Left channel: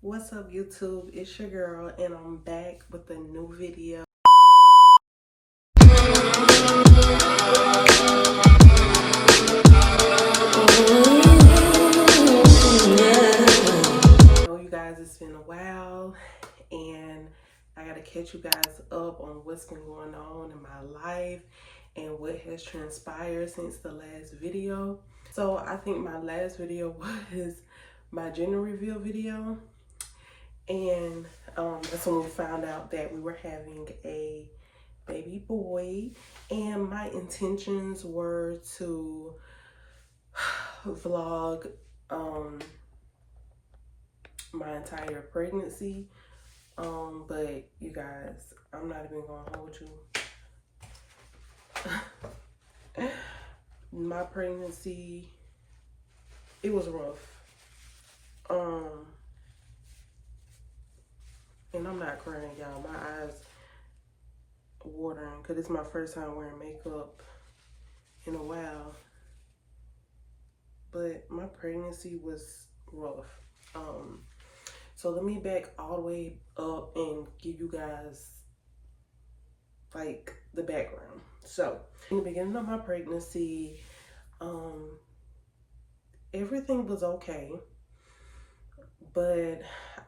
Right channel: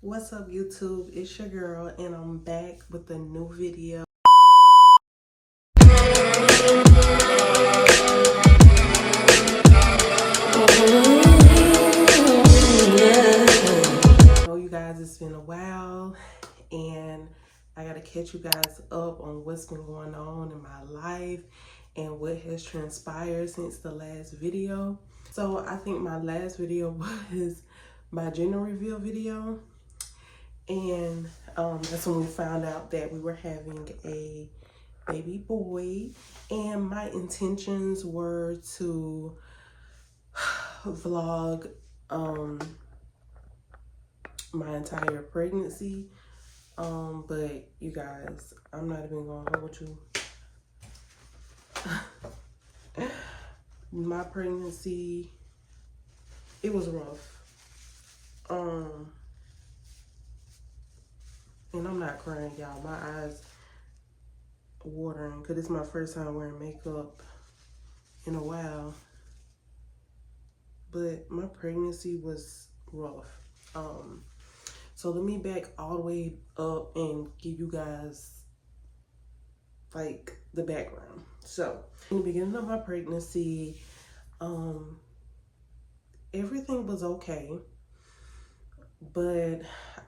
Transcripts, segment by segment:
What's up, YouTube? It's your girl, and I'm back with a new video. I know you guys, it's been a while, and I gotta catch you guys up on what's been going on in my life and what has transpired since the last video. So I think my last video was my gender reveal video. And that's when we found out that we were having a baby boy. And my intentions were to vlog my entire pregnancy. But you guys, I'm not even gonna hold you. My pregnancy, it was rough. And I'm not crying, y'all. My eyes watering because it's my first time wearing makeup in a while. But my pregnancy was rough. So let me back all the way up and give you guys like the background. So in the beginning of my pregnancy, everything was okay, but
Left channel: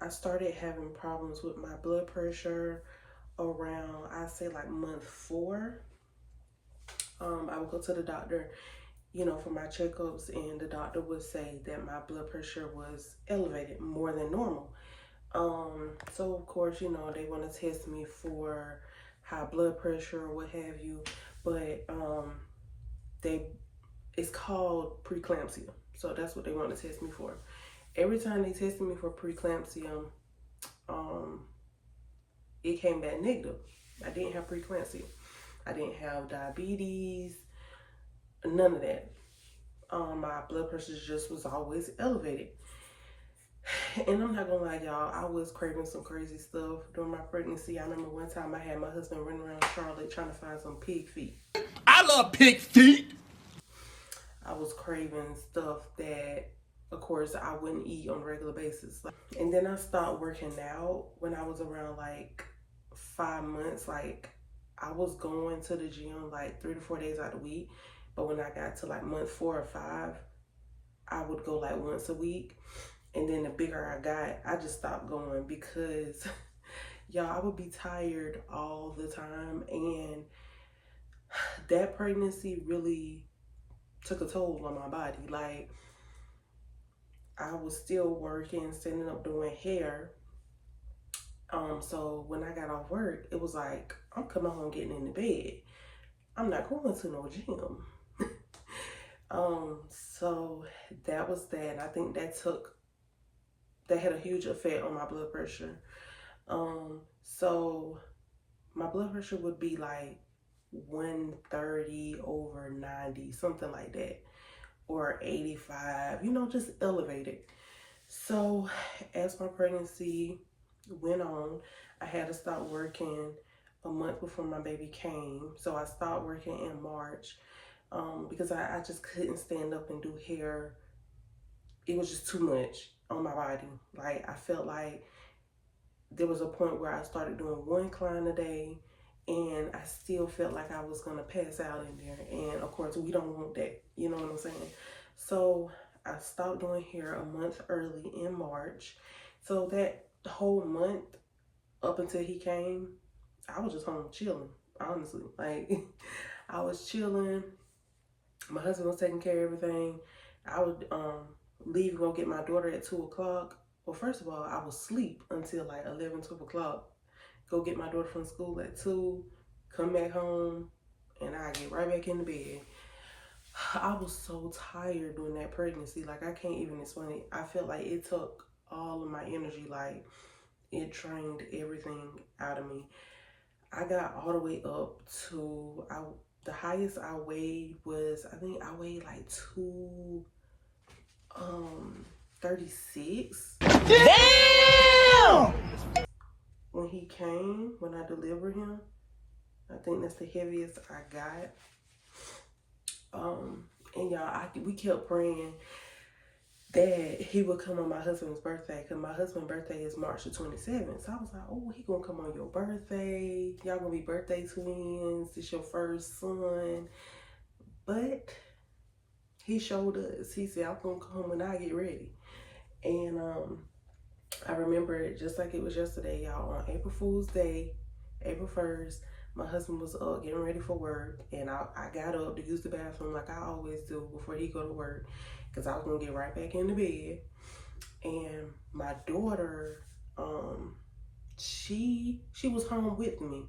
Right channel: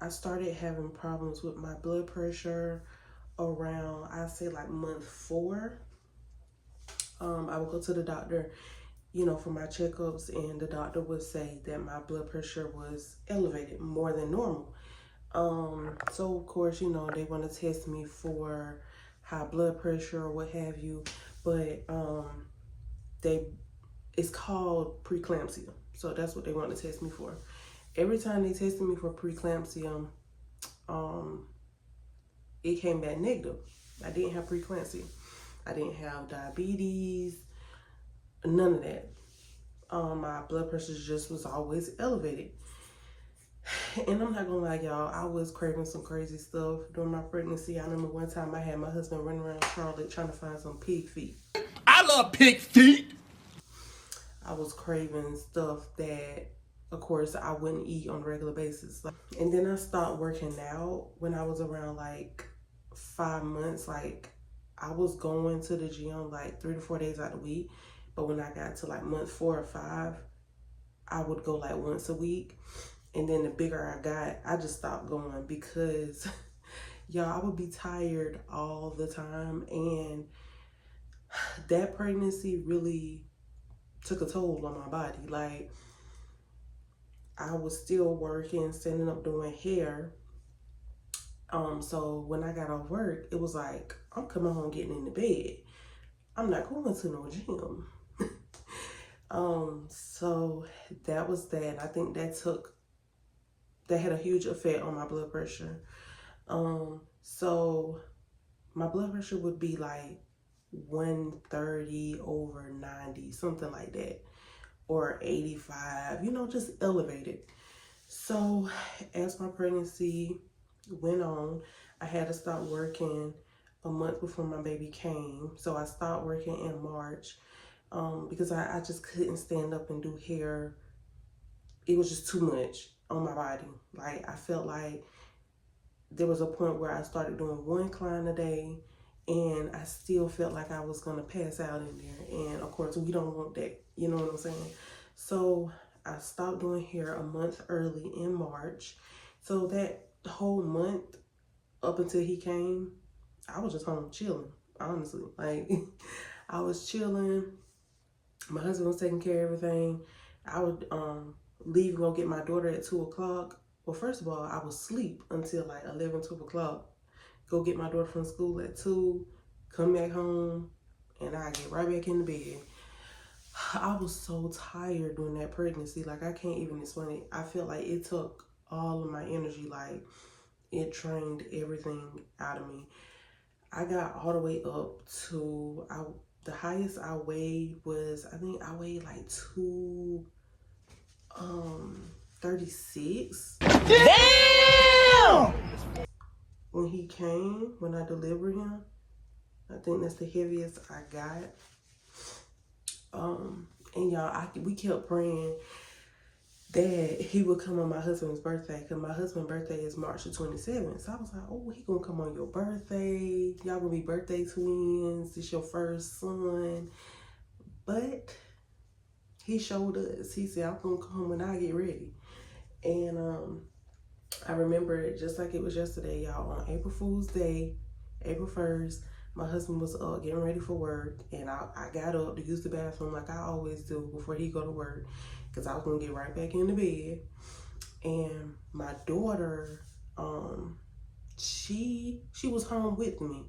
I started having problems with my blood pressure around, I'd say like month 4. I would go to the doctor, for my checkups, and the doctor would say that my blood pressure was elevated more than normal. So of course, they want to test me for high blood pressure or what have you, but it's called preeclampsia. So that's what they want to test me for. Every time they tested me for preeclampsia, it came back negative. I didn't have preeclampsia. I didn't have diabetes, none of that. My blood pressure just was always elevated. And I'm not gonna lie, y'all, I was craving some crazy stuff during my pregnancy. I remember one time I had my husband running around Charlotte trying to find some pig feet. I love pig feet. I was craving stuff that, of course, I wouldn't eat on a regular basis. And then I stopped working out when I was around like 5 months. Like, I was going to the gym like 3 to 4 days out of the week. But when I got to like month 4 or 5, I would go like once a week. And then the bigger I got, I just stopped going because, y'all, I would be tired all the time. And that pregnancy really took a toll on my body. Like, I was still working, standing up doing hair. So when I got off work, it was like, I'm coming home getting in the bed. I'm not going to no gym. So that was that. I think that had a huge effect on my blood pressure. So my blood pressure would be like 130 over 90, something like that, or 85, just elevated. So as my pregnancy went on, I had to stop working a month before my baby came. So I stopped working in March because I just couldn't stand up and do hair. It was just too much on my body. Like, I felt like there was a point where I started doing 1 client a day, and I still felt like I was gonna pass out in there. And of course, we don't want that, you know what I'm saying? So I stopped doing hair a month early in March. So that whole month up until he came, I was just home chilling, honestly. Like, I was chilling. My husband was taking care of everything. I would leave and go get my daughter at 2 o'clock. Well, first of all, I would sleep until like 11, 12 o'clock. Go get my daughter from school at 2, come back home, and I get right back in the bed. I was so tired during that pregnancy. Like, I can't even explain it. I felt like it took all of my energy. Like, it drained everything out of me. I got all the way up to, the highest I weighed was, I think I weighed like 236. Damn! When he came, when I delivered him, I think that's the heaviest I got. And y'all, we kept praying that he would come on my husband's birthday, because my husband's birthday is March the 27th. So I was like, oh, he gonna come on your birthday. Y'all gonna be birthday twins. It's your first son. But he showed us. He said, I'm gonna come when I get ready. And I remember it just like it was yesterday, y'all. On April Fool's Day, April 1st, my husband was up getting ready for work, and I got up to use the bathroom like I always do before he go to work, because I was gonna get right back in the bed. And my daughter, she was home with me.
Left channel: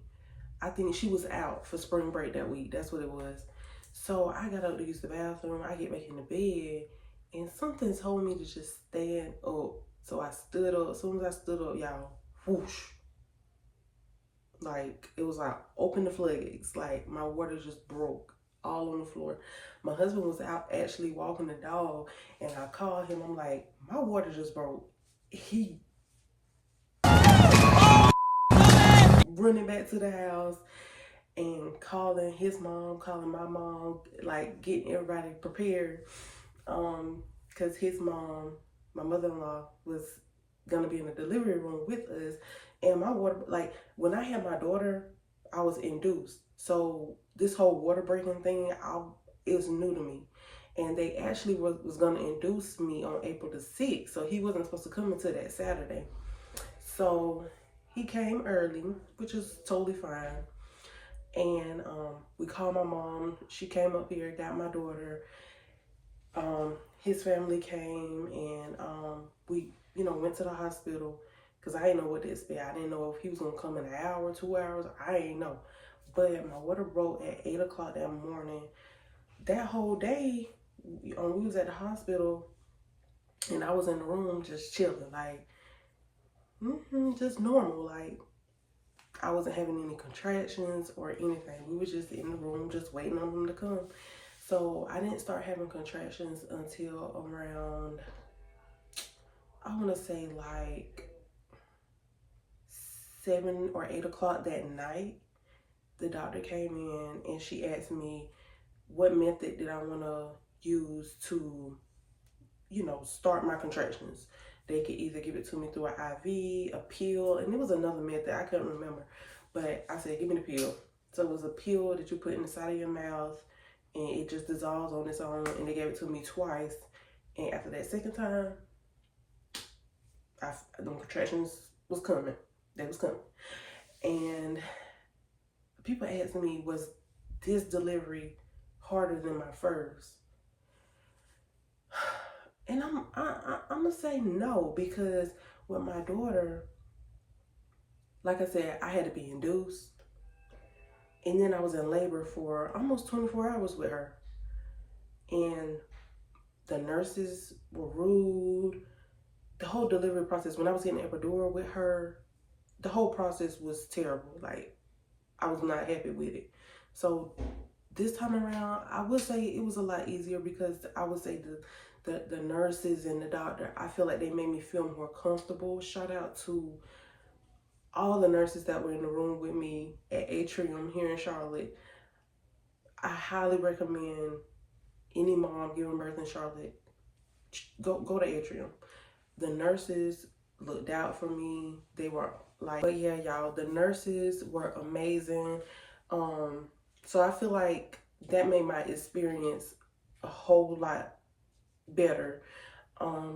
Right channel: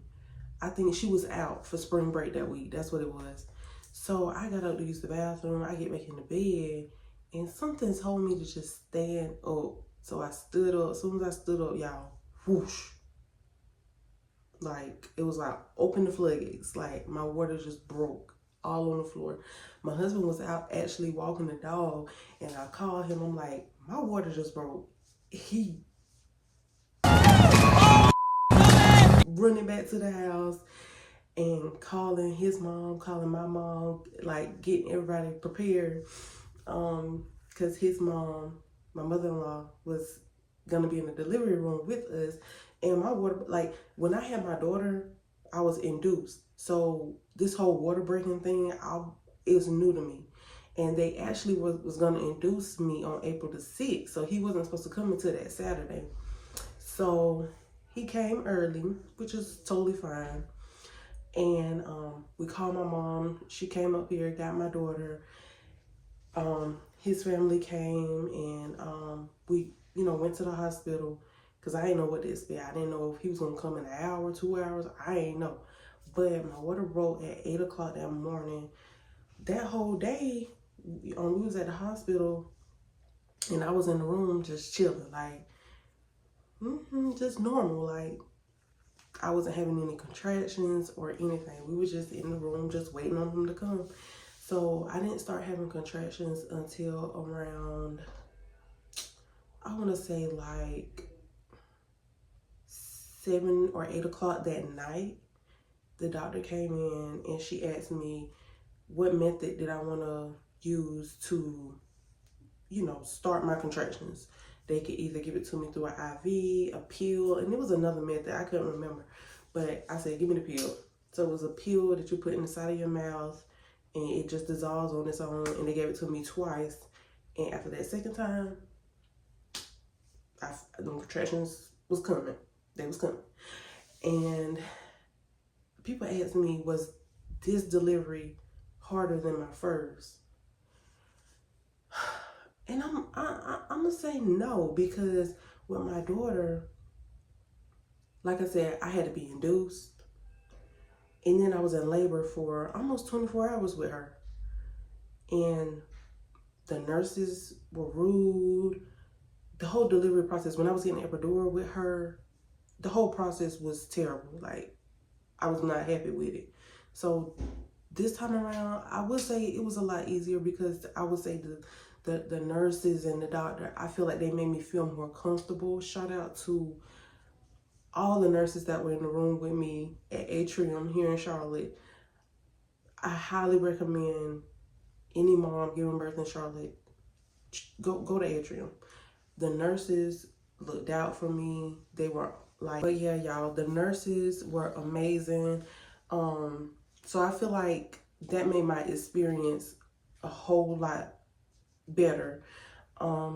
I think she was out for spring break that week. That's what it was. So I got up to use the bathroom. I get back in the bed, and something told me to just stand up. So I stood up. As soon as I stood up, y'all, whoosh. Like, it was like, open the floodgates. Like, my water just broke all on the floor. My husband was out actually walking the dog, and I called him. I'm like, my water just broke. He running back to the house and calling his mom, calling my mom, like getting everybody prepared. Because his mom, my mother-in-law, was gonna be in the delivery room with us. And my water, like when I had my daughter, I was induced. So this whole water breaking thing, it was new to me. And they actually was gonna induce me on April the 6th. So he wasn't supposed to come until that Saturday. So he came early, which is totally fine. And we called my mom. She came up here, got my daughter. His family came, and we, went to the hospital, because I didn't know what to expect. I didn't know if he was gonna come in an hour, 2 hours. I didn't know. But my water broke at 8 o'clock that morning. That whole day, we was at the hospital, and I was in the room just chilling, like, just normal. Like, I wasn't having any contractions or anything. We were just in the room, just waiting on him to come. So I didn't start having contractions until around, I want to say like 7 or 8 o'clock that night. The doctor came in and she asked me what method did I want to use to, start my contractions. They could either give it to me through an IV, a pill, and there was another method, I couldn't remember. But I said, give me the pill. So it was a pill that you put in the side of your mouth, and it just dissolves on its own, and they gave it to me twice. And after that second time, the contractions was coming. They was coming. And people asked me, was this delivery harder than my first? And I'm gonna say no, because with my daughter, like I said, I had to be induced, and then I was in labor for almost 24 hours with her, and the nurses were rude. The whole delivery process, when I was getting epidural with her, the whole process was terrible. Like, I was not happy with it. So this time around, I would say it was a lot easier, because I would say the nurses and the doctor, I feel like they made me feel more comfortable. Shout out to all the nurses that were in the room with me at Atrium here in Charlotte. I highly recommend any mom giving birth in Charlotte, go to Atrium. The nurses looked out for me. They were like, but yeah, y'all, the nurses were amazing. So I feel like that made my experience a whole lot better.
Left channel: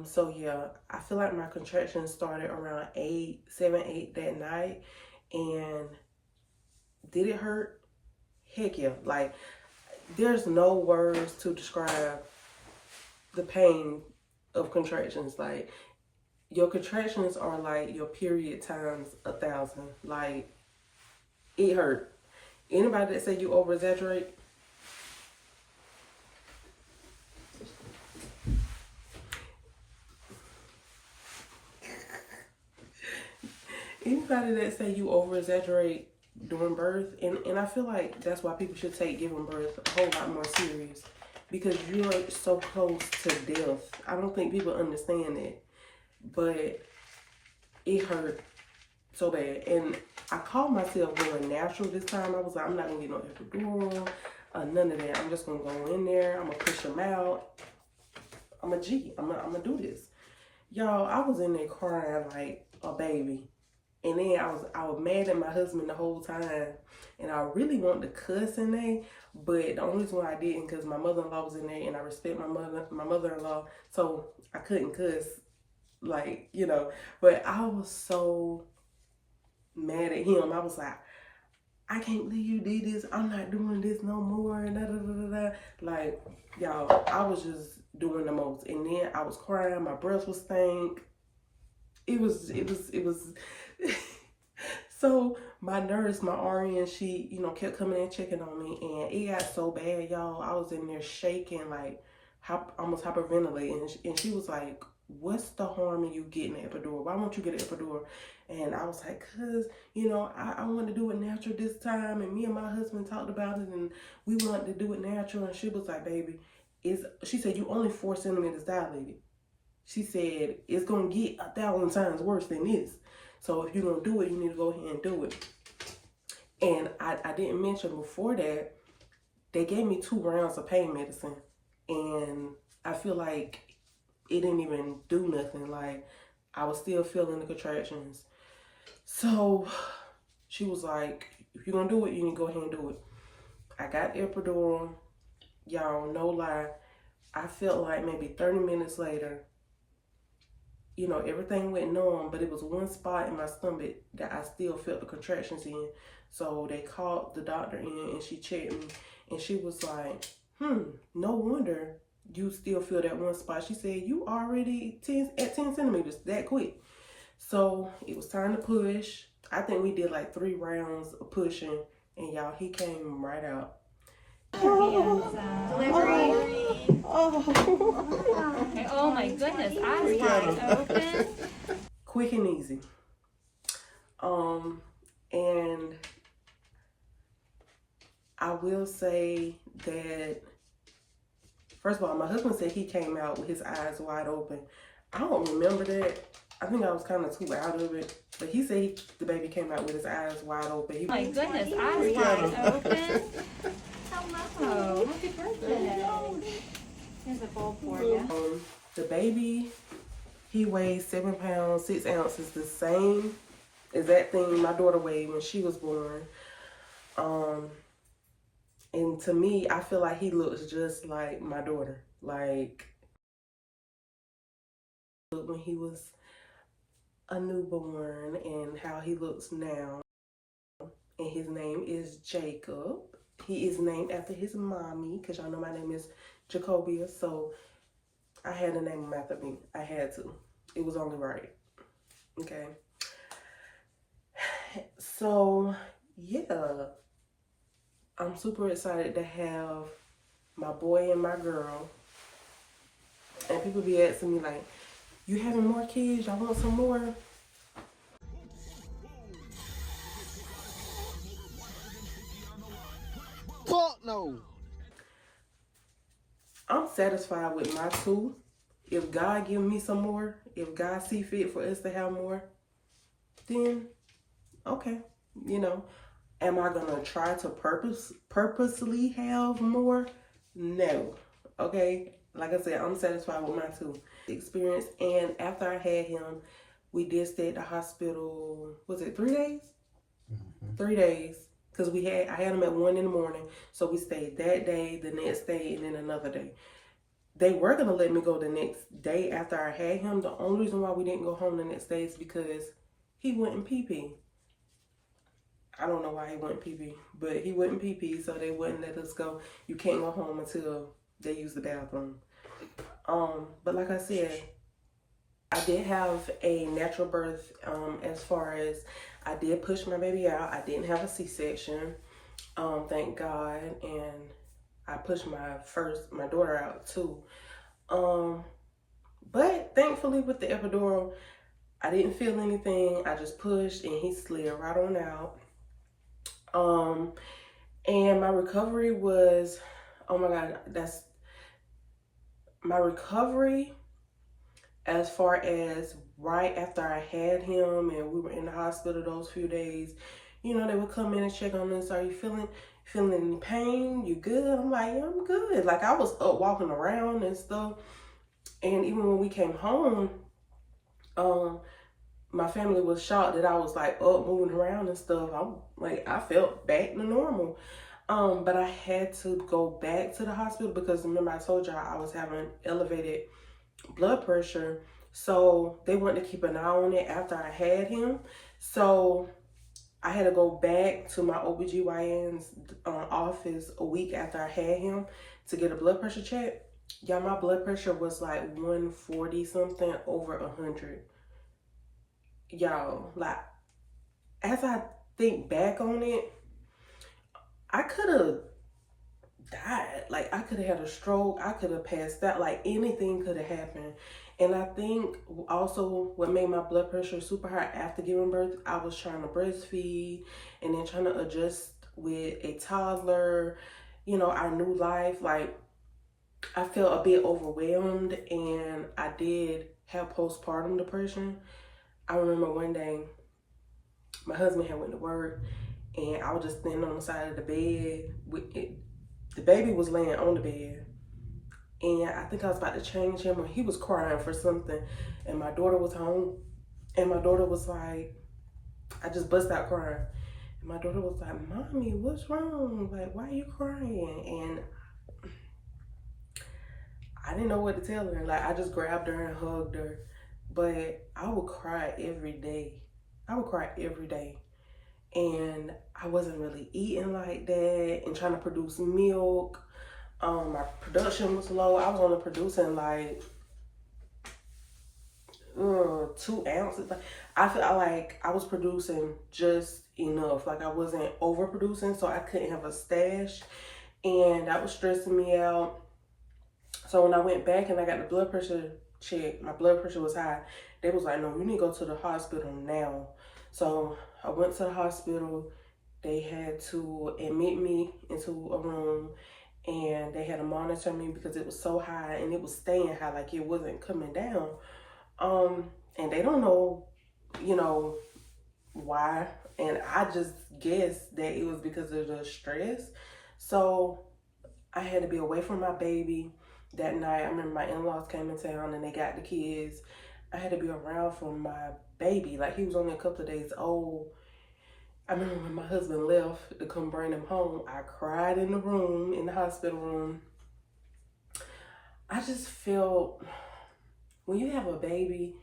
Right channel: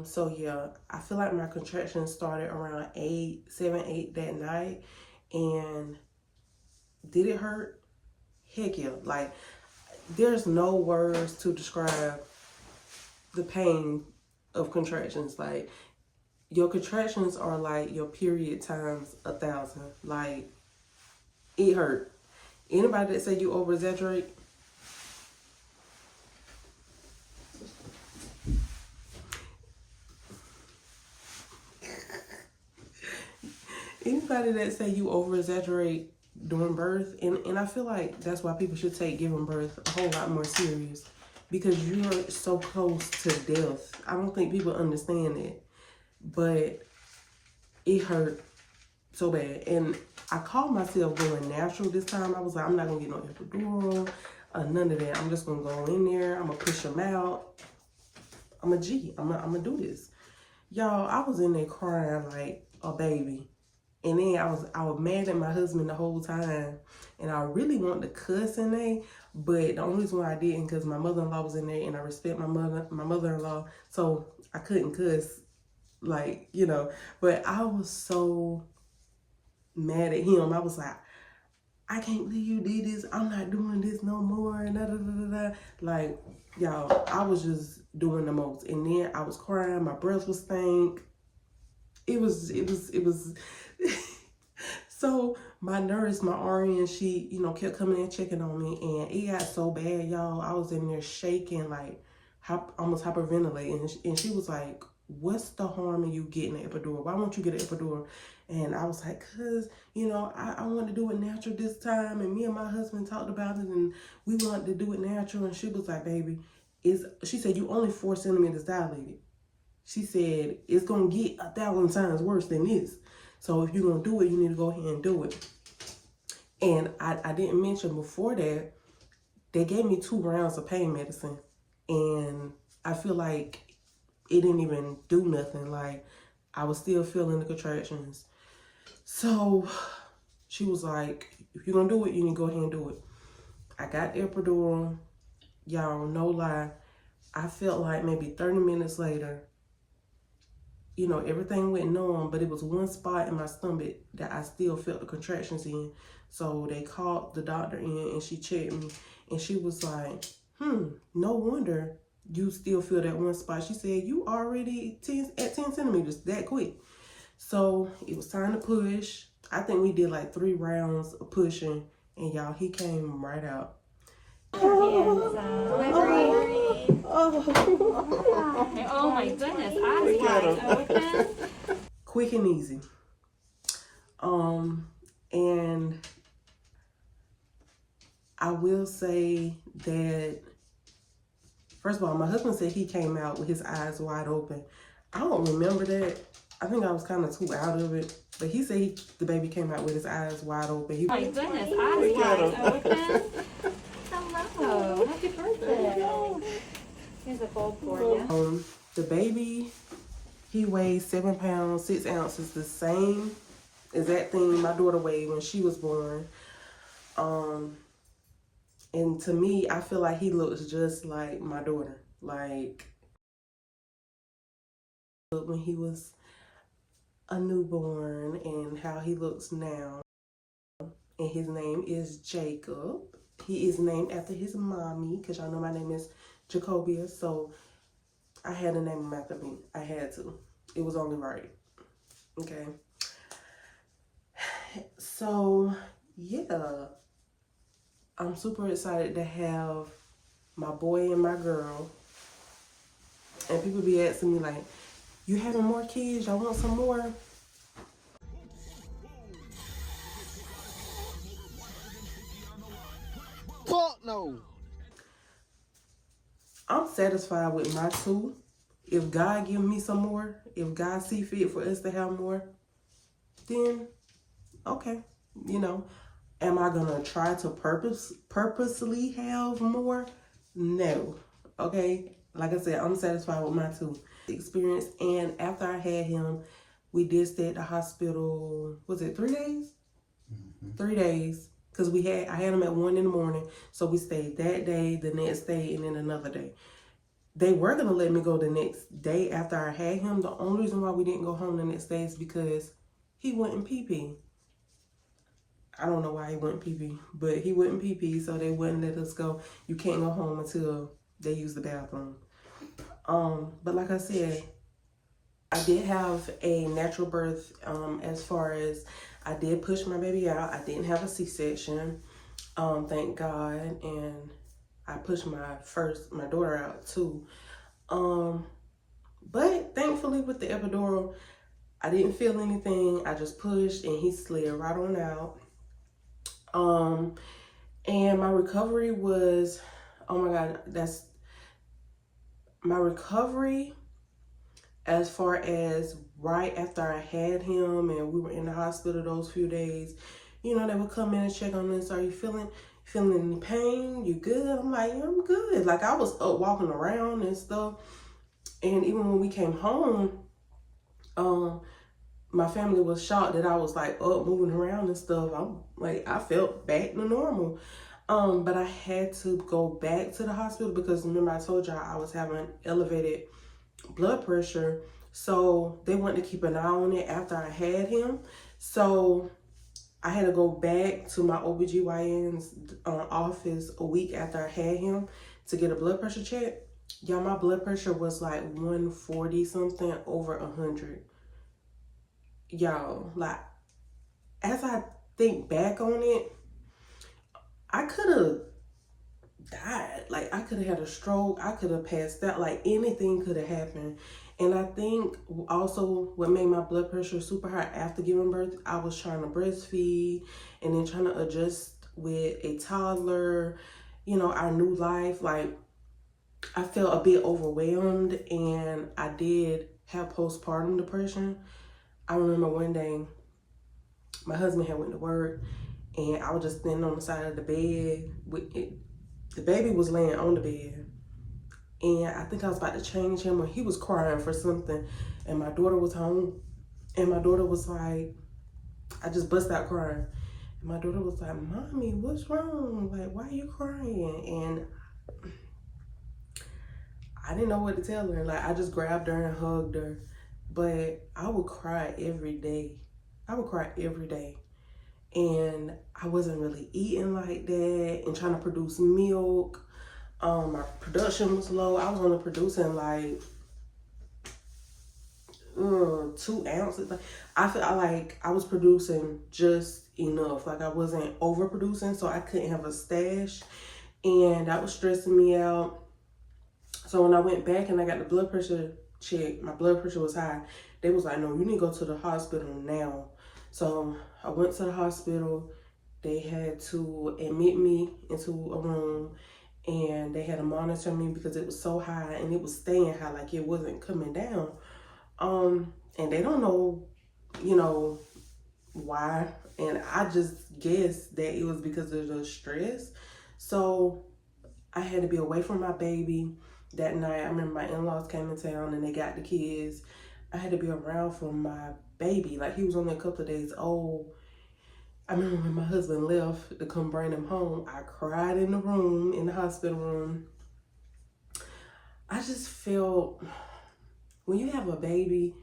So yeah, I feel like my contractions started around 7, 8 that night. And did it hurt? Heck yeah. Like, there's no words to describe the pain of contractions. Like, your contractions are like your period times 1,000. Like, it hurt. Anybody that say you over exaggerate, anybody that say you over exaggerate during birth, and I feel like that's why people should take giving birth a whole lot more serious, because you're so close to death. I don't think people understand that, but it hurt so bad. And I called myself going natural this time. I was like, I'm not gonna get no epidural, none of that. I'm just gonna go in there, I'm gonna push them out. I'm a G. I'm gonna do this. Y'all, I was in there crying like a baby. And then I was mad at my husband the whole time. And I really wanted to cuss in there. But the only reason why I didn't, because my mother-in-law was in there and I respect my mother-in-law. So I couldn't cuss, like, you know. But I was so mad at him. I was like, I can't believe you did this. I'm not doing this no more. And da, da, da, da, da. Like, y'all, I was just doing the most. And then I was crying. My breath was stank. It was. So my nurse, my RN, she, you know, kept coming and checking on me, and it got so bad, y'all. I was in there shaking, like almost hyperventilating, and she was like, "What's the harm in you getting an epidural? Why won't you get an epidural?" And I was like, "Cause, you know, I want to do it natural this time, and me and my husband talked about it, and we wanted to do it natural." And she was like, "Baby, she said, you only 4 centimeters dilated." She said, "It's gonna get 1,000 times worse than this. So if you're going to do it, you need to go ahead and do it." And I didn't mention before that, they gave me 2 rounds of pain medicine. And I feel like it didn't even do nothing. Like, I was still feeling the contractions. So she was like, if you're going to do it, you need to go ahead and do it. I got the epidural. Y'all, no lie. I felt like maybe 30 minutes later, you know, everything went numb, but it was one spot in my stomach that I still felt the contractions in. So they called the doctor in and she checked me and she was like, no wonder you still feel that one spot. She said, you already at 10 centimeters that quick. So it was time to push. I think we did like 3 rounds of pushing, and y'all, he came right out. Oh my goodness, eyes wide open. Quick and easy. And I will say that, first of all, my husband said he came out with his eyes wide open. I don't remember that. I think I was kind of too out of it. But he said the baby came out with his eyes wide open. Oh my goodness, eyes wide open. Hello, happy birthday. Here's a bowl for you. The baby, he weighs 7 pounds, 6 ounces, the same exact thing my daughter weighed when she was born. And to me, I feel like he looks just like my daughter. Like when he was a newborn and how he looks now. And his name is Jacob. He is named after his mommy, because y'all know my name is Jacobia. So I had to name him after me. I had to. It was only right. Okay. So, yeah. I'm super excited to have my boy and my girl. And people be asking me like, you having more kids? Y'all want some more? Fuck no. I'm satisfied with my 2. If God give me some more, if God see fit for us to have more, then okay. You know, am I gonna try to purposely have more? No. Okay. Like I said, I'm satisfied with my 2 experience. And after I had him, we did stay at the hospital. Was it 3 days? 3 days. Because I had him at 1 in the morning. So we stayed that day, the next day, and then another day. They were going to let me go the next day after I had him. The only reason why we didn't go home the next day is because he wouldn't pee-pee. I don't know why he wouldn't pee-pee, but he wouldn't pee-pee, so they wouldn't let us go. You can't go home until they use the bathroom. But like I said, I did have a natural birth. As far as I did push my baby out. I didn't have a C-section, thank God, and I pushed my daughter out too. But thankfully with the epidural, I didn't feel anything. I just pushed and he slid right on out. And my recovery was, oh my God, my recovery as far as right after I had him and we were in the hospital those few days. You know, they would come in and check on us. Are you feeling any pain? You good? I'm like, yeah, I'm good. Like, I was up walking around and stuff. And even when we came home, my family was shocked that I was like up moving around and stuff. I felt back to normal. But I had to go back to the hospital because remember I told y'all I was having elevated blood pressure. So they wanted to keep an eye on it after I had him. So I had to go back to my OBGYN's office a week after I had him to get a blood pressure check. Yeah, my blood pressure was like 140 something over 100. Y'all, like, as I think back on it, I could have died. Like, I could have had a stroke. I could have passed out. Like, anything could have happened. And I think also what made my blood pressure super high after giving birth, I was trying to breastfeed and then trying to adjust with a toddler, our new life. Like, I felt a bit overwhelmed, and I did have postpartum depression. I remember one day my husband had went to work, and I was just standing on the side of the bed with it. The baby was laying on the bed, and I think I was about to change him, or he was crying for something, and my daughter was home, and my daughter was like, I just bust out crying. And my daughter was like, "Mommy, what's wrong? Like, why are you crying?" And I didn't know what to tell her. Like, I just grabbed her and hugged her. But I would cry every day. I would cry every day. And I wasn't really eating like that and trying to produce milk. My production was low. I was only producing like 2 ounces. I felt like I was producing just enough. Like, I wasn't overproducing, so I couldn't have a stash. And that was stressing me out. So when I went back and I got the blood pressure check, my blood pressure was high. They was like, "No, you need to go to the hospital now." So I went to the hospital. They had to admit me into a room, and they had to monitor me because it was so high and it was staying high, like it wasn't coming down. And they don't know, why. And I just guessed that it was because of the stress. So I had to be away from my baby that night. I remember my in-laws came in town and they got the kids. I had to be around for my baby. Like, he was only a couple of days old. I remember when my husband left to come bring him home, I cried in the hospital room. I just felt, when you have a baby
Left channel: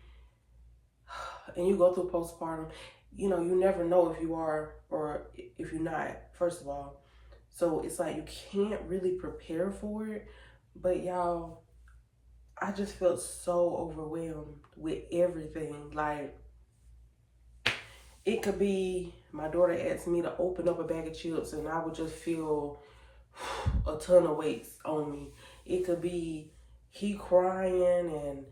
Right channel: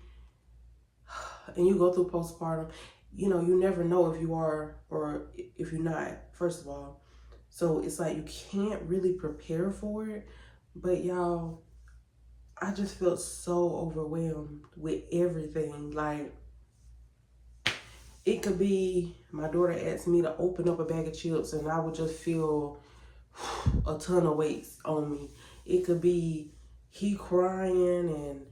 and you go through postpartum, you never know if you are or if you're not, first of all. So it's like you can't really prepare for it. But y'all, I just felt so overwhelmed with everything. Like, it could be my daughter asked me to open up a bag of chips and I would just feel a ton of weights on me. It could be he crying and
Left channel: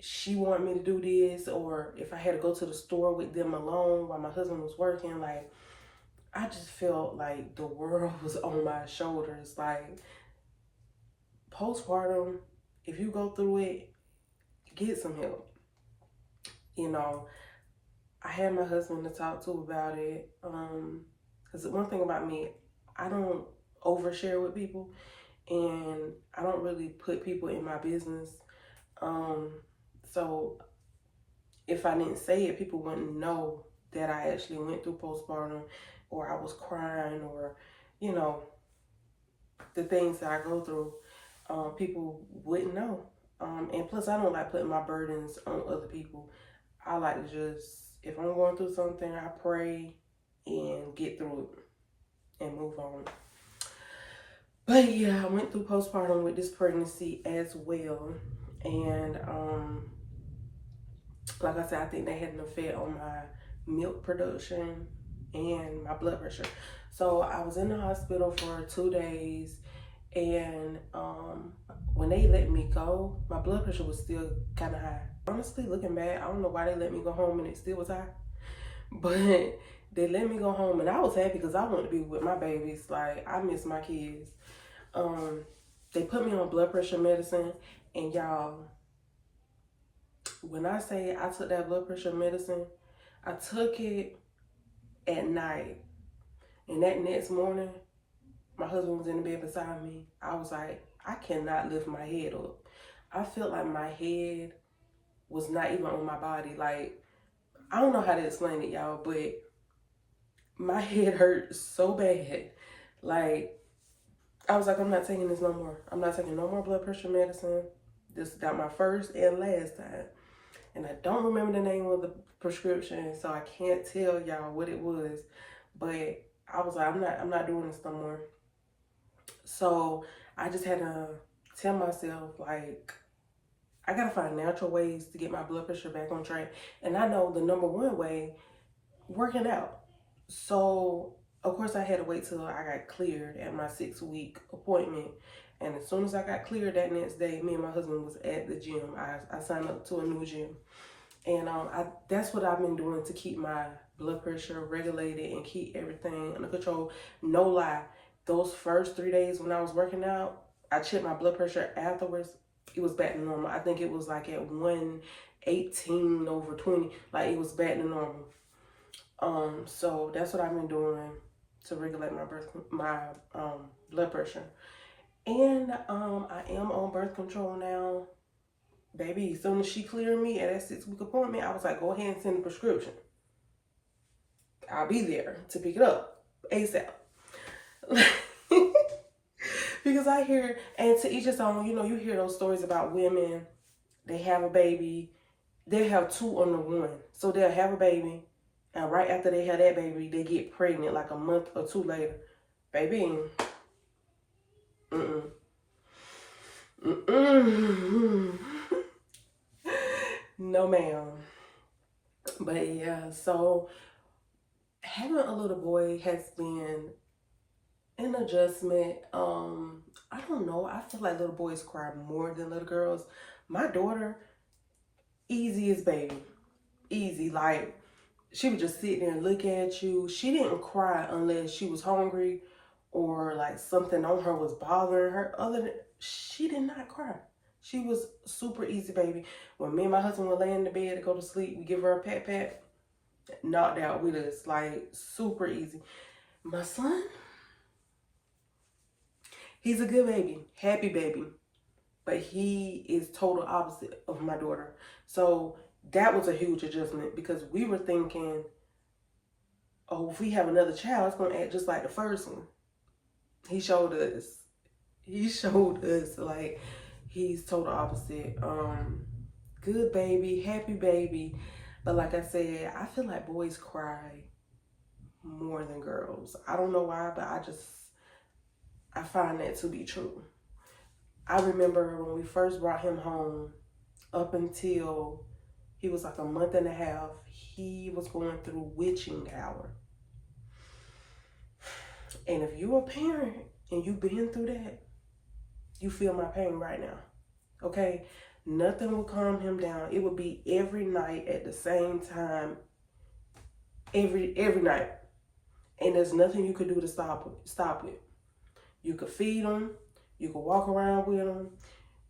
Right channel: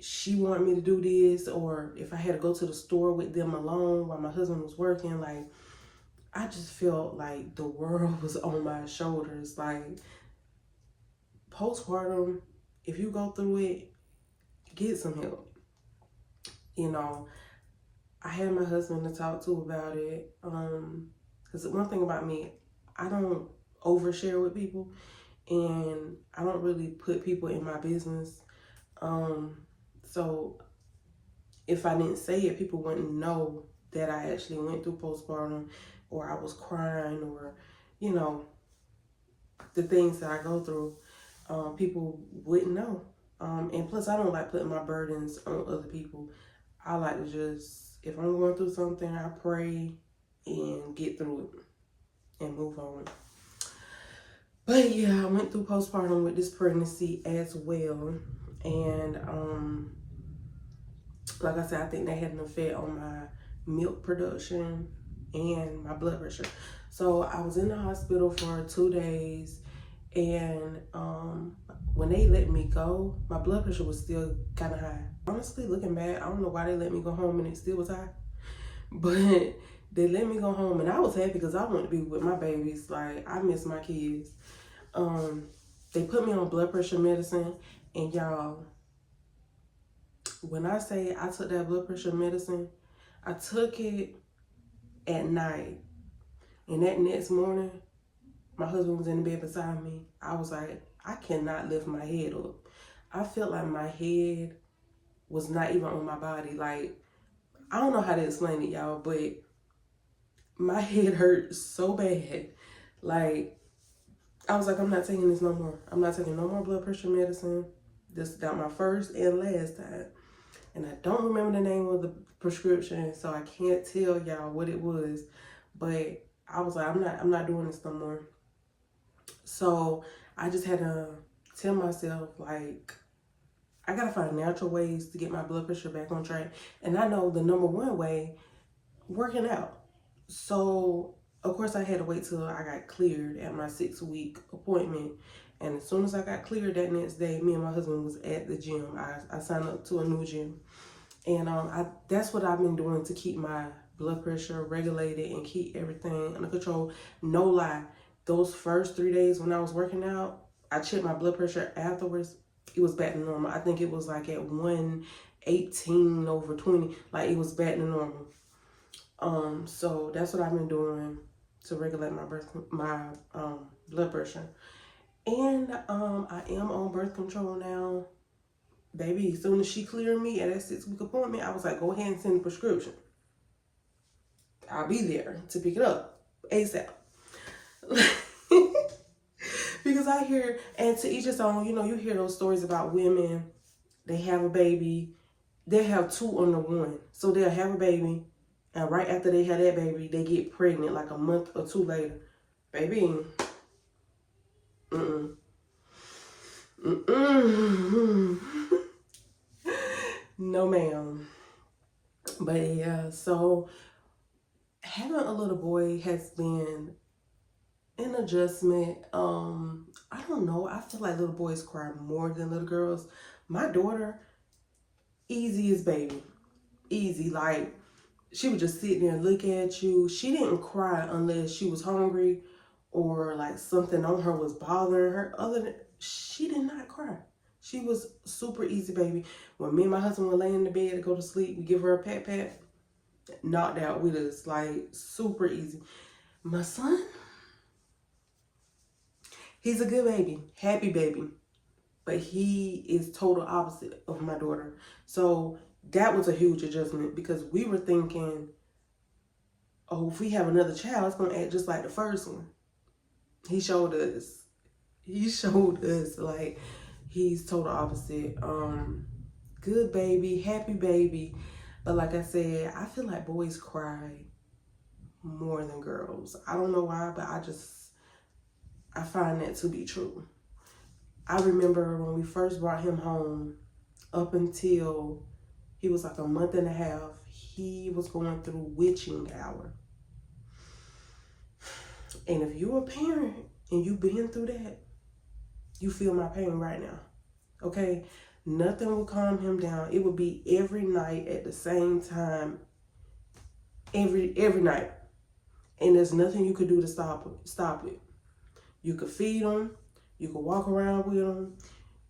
she wanted me to do this, or if I had to go to the store with them alone while my husband was working. Like, I just felt like the world was on my shoulders. Like, postpartum, if you go through it, get some help. I had my husband to talk to about it. Because one thing about me, I don't overshare with people, and I don't really put people in my business. So if I didn't say it, people wouldn't know that I actually went through postpartum, or I was crying, or, the things that I go through. People wouldn't know. And plus, I don't like putting my burdens on other people. I like to just, if I'm going through something, I pray and get through it and move on. But yeah, I went through postpartum with this pregnancy as well. And like I said, I think they had an effect on my milk production and my blood pressure. So I was in the hospital for 2 days. And when they let me go, my blood pressure was still kind of high. Honestly, looking back, I don't know why they let me go home and it still was high. But they let me go home, and I was happy because I wanted to be with my babies. Like, I miss my kids. They put me on blood pressure medicine, and y'all, when I say I took that blood pressure medicine, I took it at night. And that next morning, my husband was in the bed beside me. I was like, I cannot lift my head up. I felt like my head was not even on my body. Like, I don't know how to explain it, y'all, but my head hurt so bad. Like, I was like, I'm not taking this no more. I'm not taking no more blood pressure medicine. This got my first and last time. And I don't remember the name of the prescription, so I can't tell y'all what it was. But I was like, I'm not doing this no more. So I just had to tell myself, like, I gotta find natural ways to get my blood pressure back on track. And I know the number one way, working out. So of course I had to wait till I got cleared at my 6-week appointment. And as soon as I got cleared that next day, me and my husband was at the gym. I signed up to a new gym. And that's what I've been doing to keep my blood pressure regulated and keep everything under control. No lie, those first 3 days when I was working out, I checked my blood pressure afterwards. It was back to normal. I think it was like at 118/20. Like, it was back to normal. So that's what I've been doing to regulate my blood pressure. And I am on birth control now. Baby, as soon as she cleared me at that 6-week appointment, I was like, go ahead and send the prescription. I'll be there to pick it up ASAP. Because I hear, and to each his own, you hear those stories about women, they have a baby, they'll have 2 under 1. So they'll have a baby, and right after they have that baby, they get pregnant like a month or 2 later. Baby, no ma'am. But yeah, so having a little boy has been an adjustment. I don't know. I feel like little boys cry more than little girls. My daughter, easy as baby. Easy. Like, she would just sit there and look at you. She didn't cry unless she was hungry or like something on her was bothering her. Other than, she did not cry. She was super easy baby. When me and my husband would lay in the bed to go to sleep, we give her a pat, knocked out with us. Like, super easy. My son, he's a good baby, happy baby, but he is total opposite of my daughter. So that was a huge adjustment because we were thinking, oh, if we have another child, it's going to act just like the first one. He showed us like he's total opposite. Good baby, happy baby. But like I said, I feel like boys cry more than girls. I don't know why, but I find that to be true. I remember when we first brought him home, up until he was like a month and a half, he was going through witching hour. And if you're a parent and you've been through that, you feel my pain right now, okay? Nothing would calm him down. It would be every night at the same time, every night. And there's nothing you could do to stop it. You could feed him. You could walk around with him.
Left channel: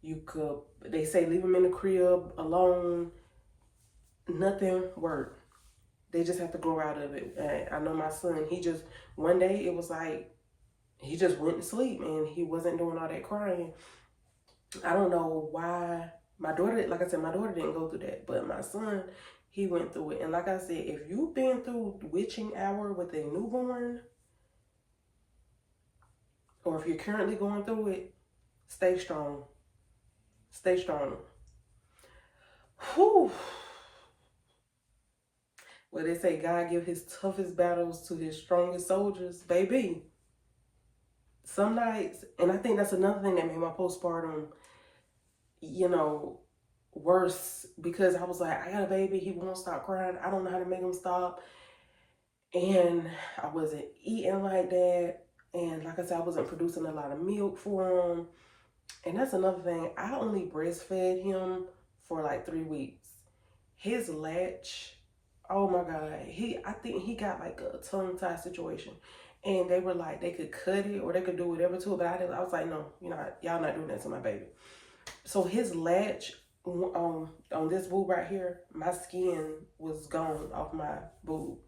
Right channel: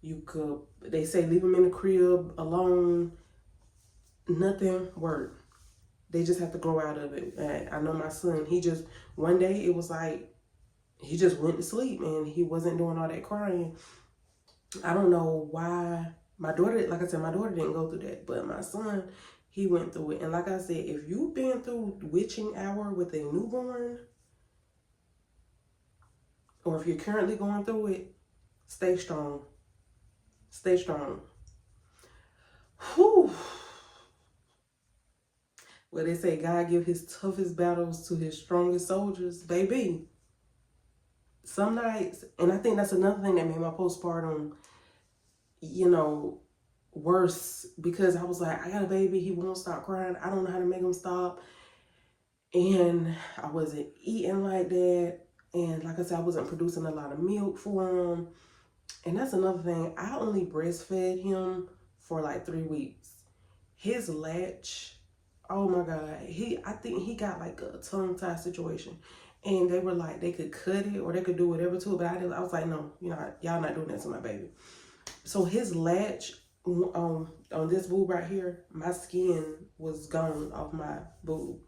You could, they say, leave him in the crib alone. Nothing worked. They just have to grow out of it. And I know my son, one day it was like, he just went to sleep and he wasn't doing all that crying. I don't know why. My daughter, like I said, my daughter didn't go through that, but my son, he went through it. And like I said, if you've been through witching hour with a newborn, or if you're currently going through it, stay strong. Stay strong. Whew. Well, they say God give his toughest battles to his strongest soldiers, baby. Some nights, and I think that's another thing that made my postpartum, worse, because I was like, I got a baby, he won't stop crying. I don't know how to make him stop. And I wasn't eating like that. And like I said, I wasn't producing a lot of milk for him. And that's another thing. I only breastfed him for like 3 weeks. His latch, oh my God. I think he got like a tongue tie situation. And they were like, they could cut it or they could do whatever to it. But I was like, no, y'all not doing that to my baby. So his latch on this boob right here, my skin was gone off my boob.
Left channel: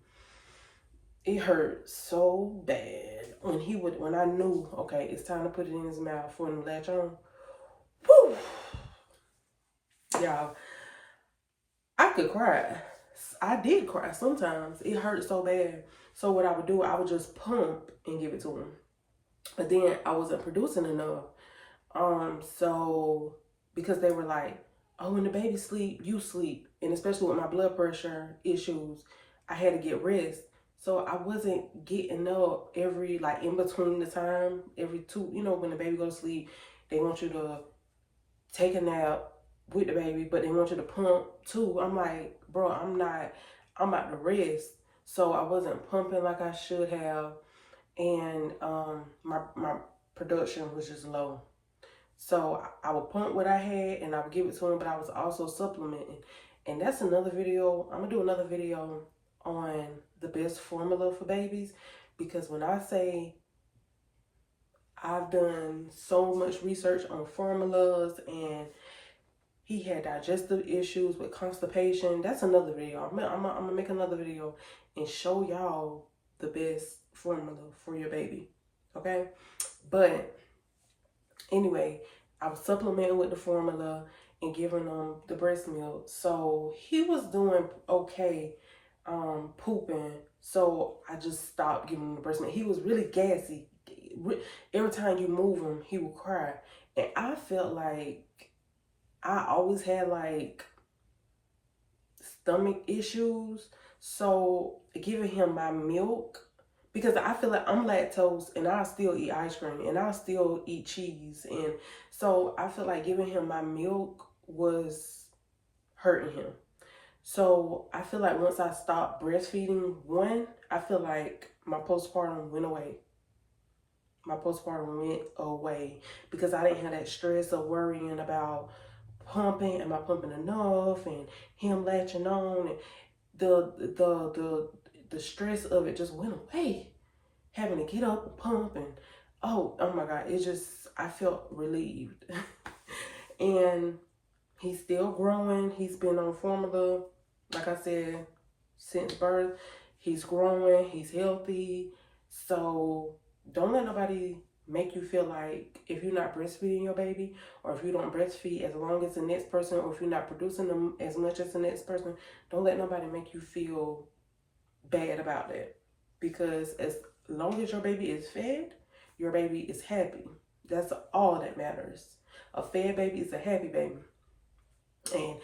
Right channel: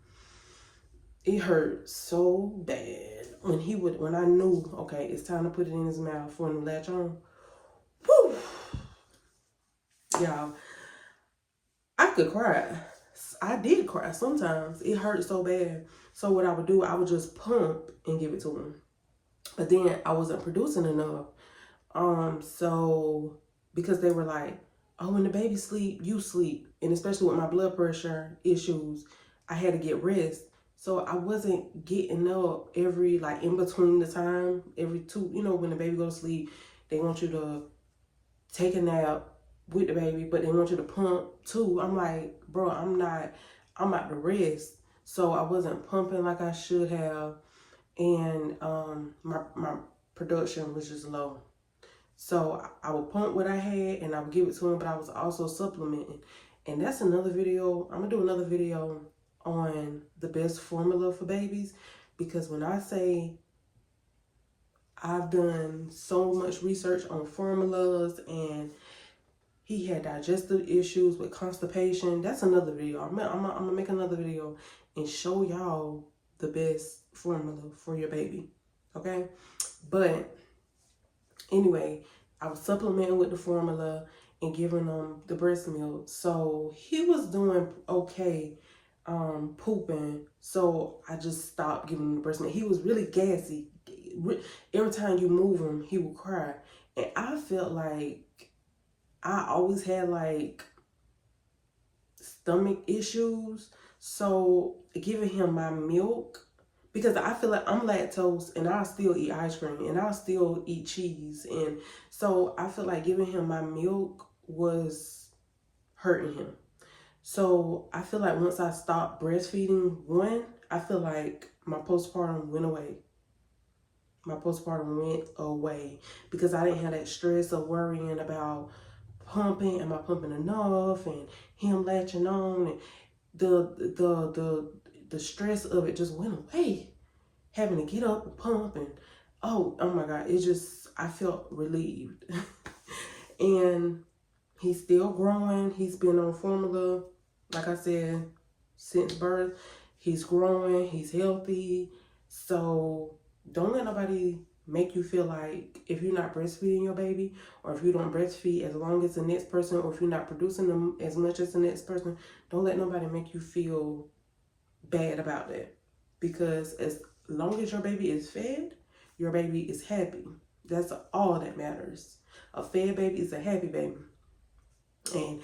It hurt so bad when I knew, okay, it's time to put it in his mouth for him to latch on. Whew. Y'all, I could cry. I did cry sometimes. It hurt so bad. So what I would do, I would just pump and give it to him. But then I wasn't producing enough. So because they were like, oh, when the baby sleep, you sleep. And especially with my blood pressure issues, I had to get rest. So I wasn't getting up every, like in between the time, every two, when the baby goes to sleep, they want you to take a nap with the baby, but they want you to pump too. I'm like, bro, I'm about to rest. So I wasn't pumping like I should have. And my production was just low. So I would pump what I had and I would give it to him, but I was also supplementing. And that's another video. I'm gonna do another video on the best formula for babies, because when I say I've done so much research on formulas, and he had digestive issues with constipation. That's another video. I'm gonna make another video and show y'all the best formula for your baby. Okay? But anyway, I was supplementing with the formula and giving him the breast milk. So he was doing okay, pooping. So I just stopped giving him the breast milk. He was really gassy. Every time you move him, he would cry. And I felt like I always had like stomach issues. So giving him my milk, because I feel like I'm lactose and I'll still eat ice cream and I'll still eat cheese. And so I feel like giving him my milk was hurting him. So I feel like once I stopped breastfeeding, I feel like my postpartum went away. My postpartum went away because I didn't have that stress of worrying about pumping, am I pumping enough, and him latching on, and the stress of it just went away. Having to get up and pump, and oh my God, I felt relieved. And he's still growing. He's been on formula, like I said, since birth. He's growing, he's healthy. So don't let nobody make you feel like if you're not breastfeeding your baby, or if you don't breastfeed as long as the next person, or if you're not producing them as much as the next person, don't let nobody make you feel bad about that. Because as long as your baby is fed, your baby is happy. That's all that matters. A fed baby is a happy baby. And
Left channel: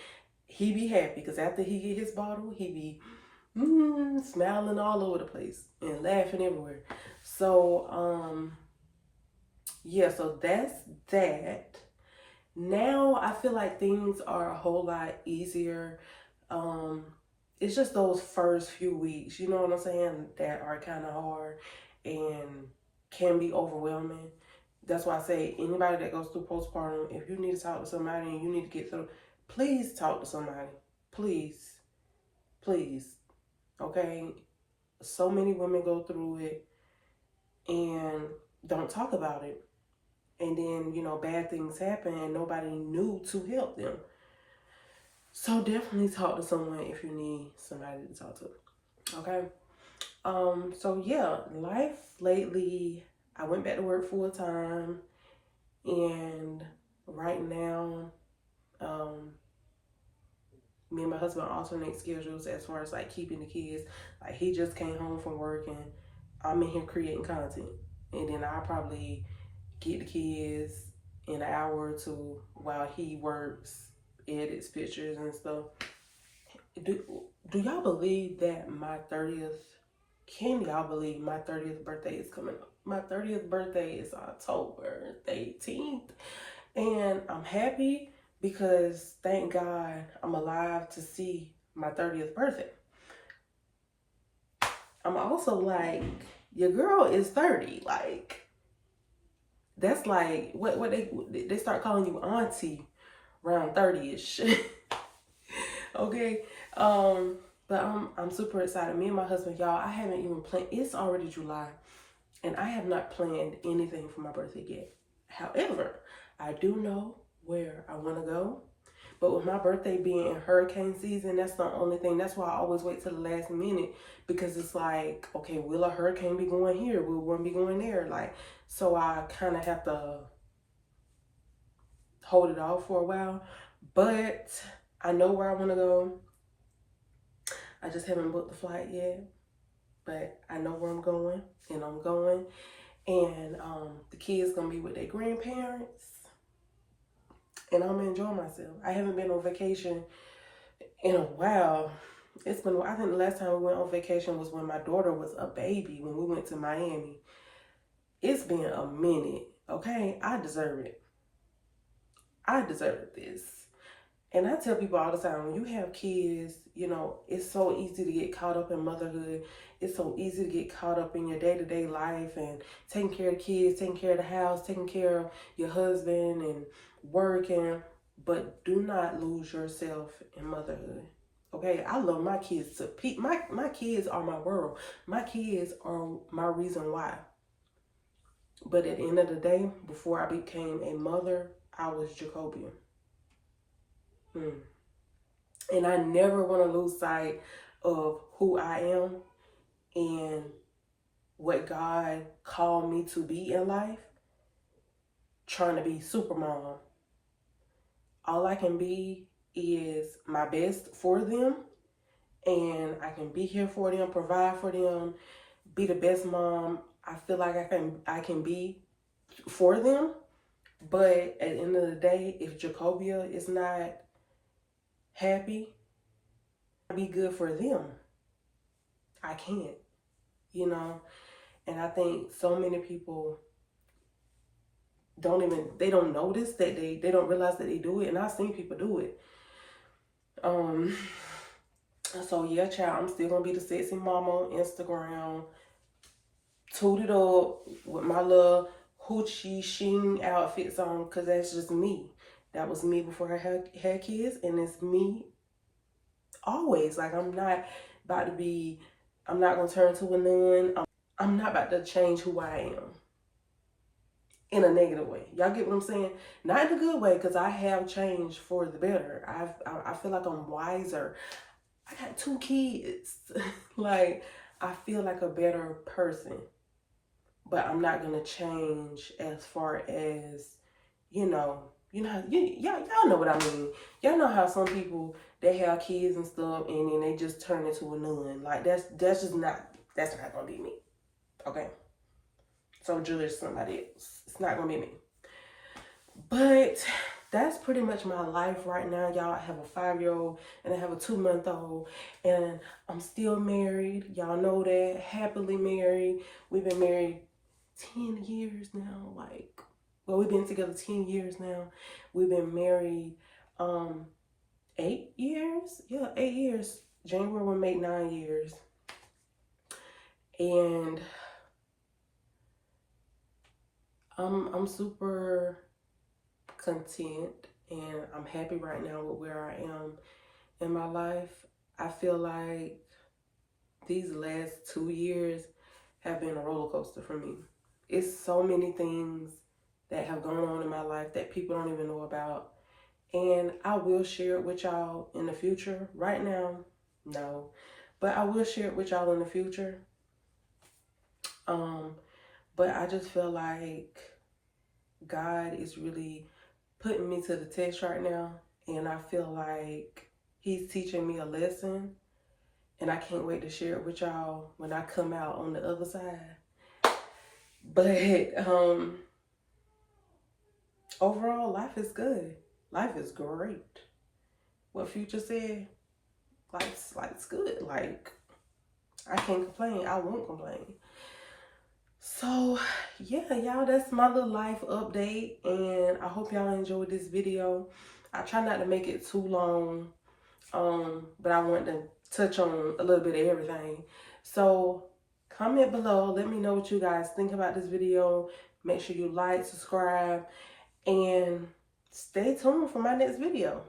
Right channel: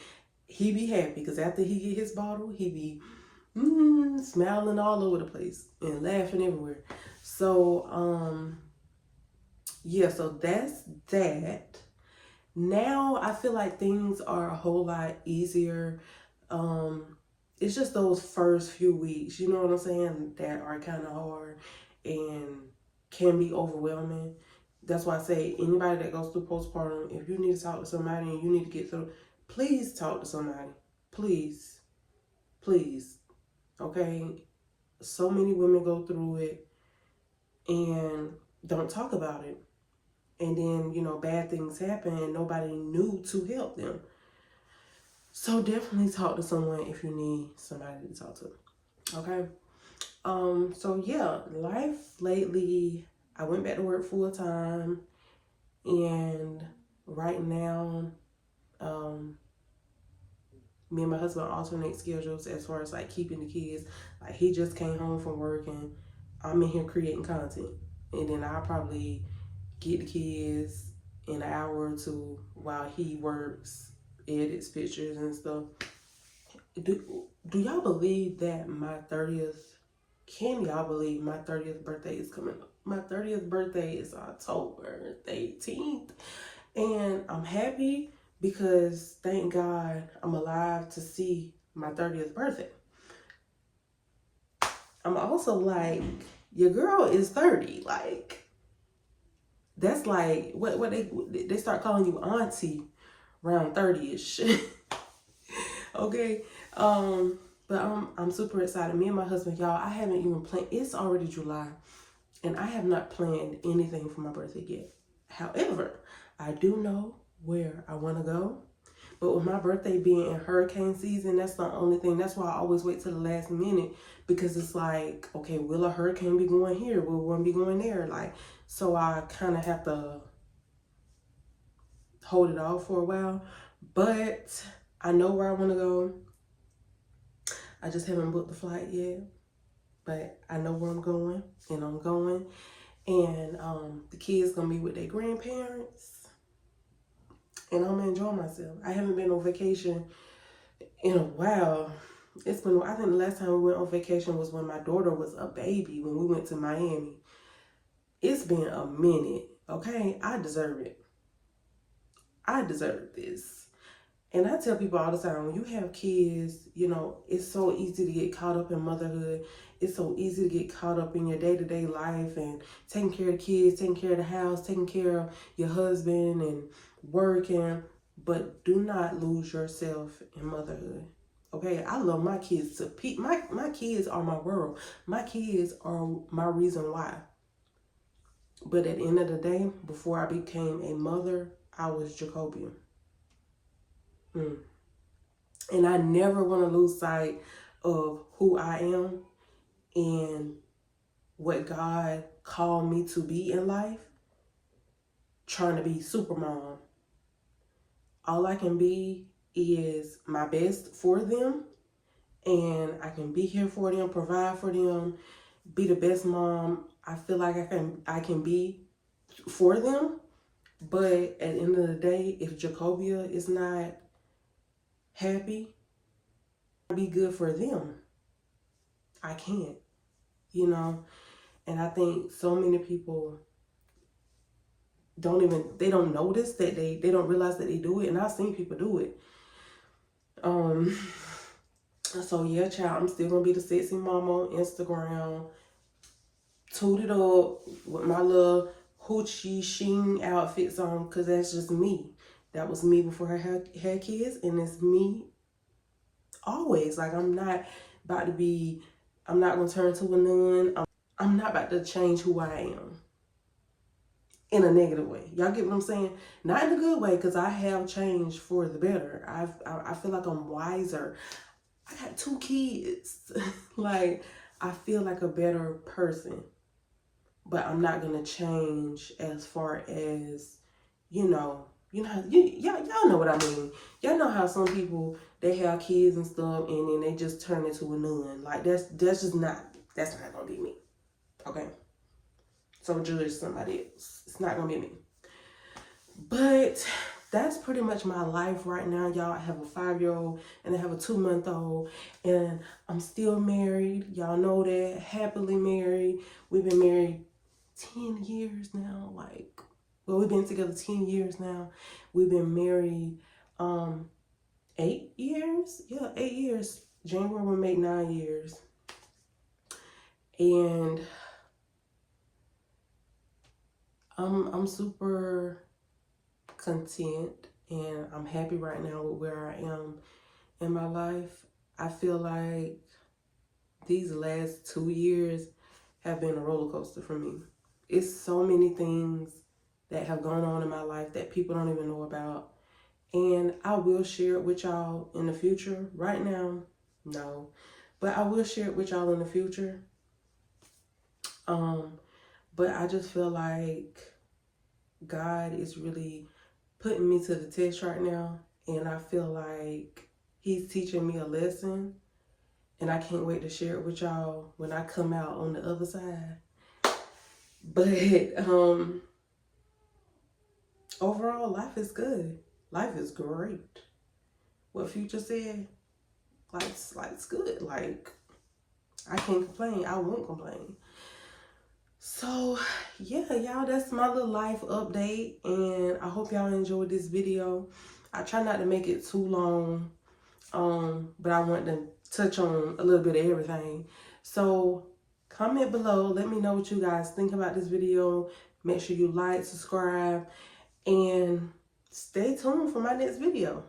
he be happy because after he get his bottle, he be smiling all over the place and laughing everywhere. So yeah, so that's that. Now I feel like things are a whole lot easier. It's just those first few weeks, you know what I'm saying, that are kind of hard and can be overwhelming. That's why I say anybody that goes through postpartum, if you need to talk to somebody and you need to get through, please talk to somebody. Please. Please. Okay? So many women go through it and don't talk about it. And then, bad things happen and nobody knew to help them. So definitely talk to someone if you need somebody to talk to. Okay? So yeah, life lately, I went back to work full time, and right now, me and my husband alternate schedules as far as like keeping the kids. Like he just came home from work and I'm in here creating content. And then I'll probably get the kids in an hour or two while he works, edits pictures and stuff. Do y'all believe that can y'all believe my 30th birthday is coming up? My 30th birthday is October 18th. And I'm happy because thank God I'm alive to see my 30th birthday. I'm also like, your girl is 30. Like, that's like, what they start calling you auntie around 30-ish. Okay. But I'm super excited. Me and my husband, y'all, I haven't even planned. It's already July, and I have not planned anything for my birthday yet. However, I do know where I want to go. But with my birthday being in hurricane season, that's the only thing. That's why I always wait till the last minute, because it's like, okay, will a hurricane be going here? Will one be going there? Like, so I kind of have to hold it off for a while. But I know where I want to go. I just haven't booked the flight yet, but I know where I'm going, and I'm going. And the kids gonna be with their grandparents, and I'm gonna enjoy myself. I haven't been on vacation in a while. It's been, I think the last time we went on vacation was when my daughter was a baby, when we went to Miami. It's been a minute, okay? I deserve it. I deserve this. And I tell people all the time, when you have kids, you know, it's so easy to get caught up in motherhood. It's so easy to get caught up in your day-to-day life and taking care of kids, taking care of the house, taking care of your husband and working. But do not lose yourself in motherhood. Okay, I love my kids to peak. My kids are my world. My kids are my reason why. But at the end of the day, before I became a mother, I was Jacobian. And I never want to lose sight of who I am and what God called me to be in life. Trying to be super mom. All I can be is my best for them, and I can be here for them, provide for them, be the best mom I feel like I can be for them. But at the end of the day, if Jacobia is not happy, be good for them. I can't, you know. And I think so many people they don't notice that they don't realize that they do it. And I've seen people do it. So yeah, child, I'm still gonna be the sexy mama on Instagram, tooted up with my little hoochie sheen outfits on, because that's just me. That was me before I had kids, and it's me always. Like, I'm not gonna turn to a nun. I'm not about to change who I am in a negative way. Y'all get what I'm saying? Not in a good way, because I have changed for the better. I feel like I'm wiser. I got 2 kids. Like, I feel like a better person. But I'm not gonna change as far as, y'all know what I mean. Y'all know how some people, they have kids and stuff, and then they just turn into a nun. Like, that's not gonna be me. Okay? So judge somebody else. It's not gonna be me. But that's pretty much my life right now, y'all. I have a 5-year-old and I have a 2-month-old, and I'm still married. Y'all know that. Happily married. We've been married 10 years now. We've been together 10 years now. We've been married 8 years. Yeah, 8 years. January will make 9 years. And I'm super content, and I'm happy right now with where I am in my life. I feel like these last 2 years have been a roller coaster for me. It's so many things that have gone on in my life that people don't even know about. And I will share it with y'all in the future. Right now, no. But I will share it with y'all in the future. But I just feel like God is really putting me to the test right now. And I feel like he's teaching me a lesson. And I can't wait to share it with y'all when I come out on the other side. But overall, life is good. Life is great. What Future said, life's good. Like, I can't complain. I won't complain. So yeah, y'all, that's my little life update, and I hope y'all enjoyed this video. I try not to make it too long, but I want to touch on a little bit of everything. So comment below, let me know what you guys think about this video. Make sure you like, subscribe, and stay tuned for my next video.